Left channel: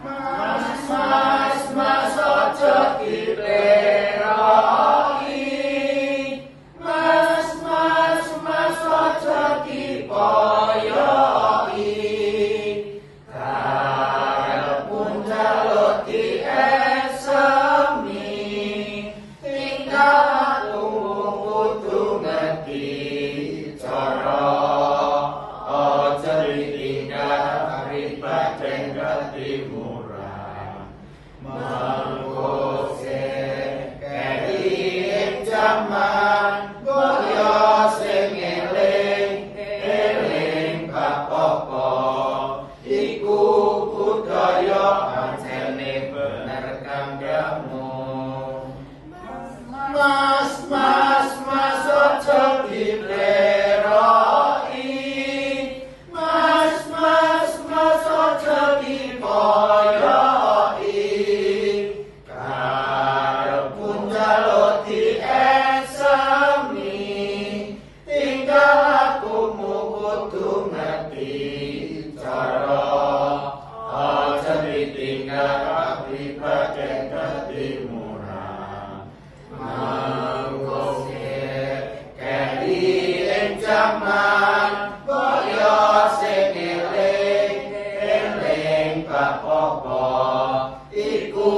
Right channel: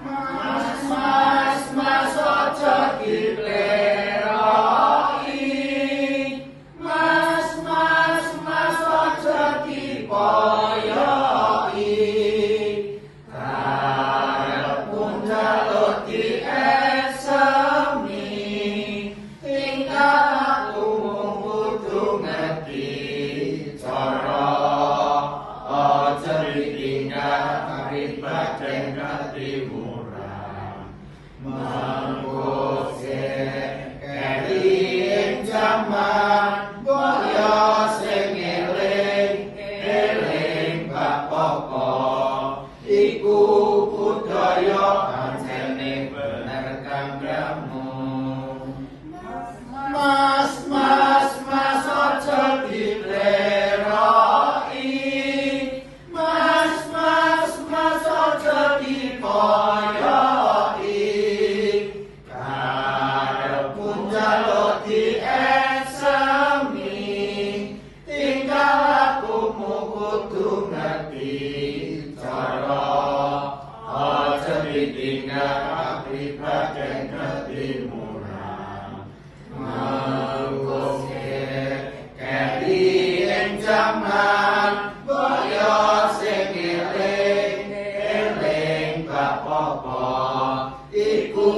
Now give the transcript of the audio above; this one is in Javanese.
Mas ojo dileroi. Mas ojo dipoyoi. Karepmu njaluk diesemi. Tingkahku kudu ngerti cara. Ojo ditinggal pribaden ngerti murah. Mengko keri ing jaman boyo sing eling bapa iku budaya pancene bener kanggamu. Mas ojo dileroi. Mas ojo dipoyoi. Karepmu njaluk diesemi. Tingkah lakumu kudu ngerti cara. Ojo ditinggal pribaden ngerti murah. Mengko keri ing jaman boyo sing eling bapa iku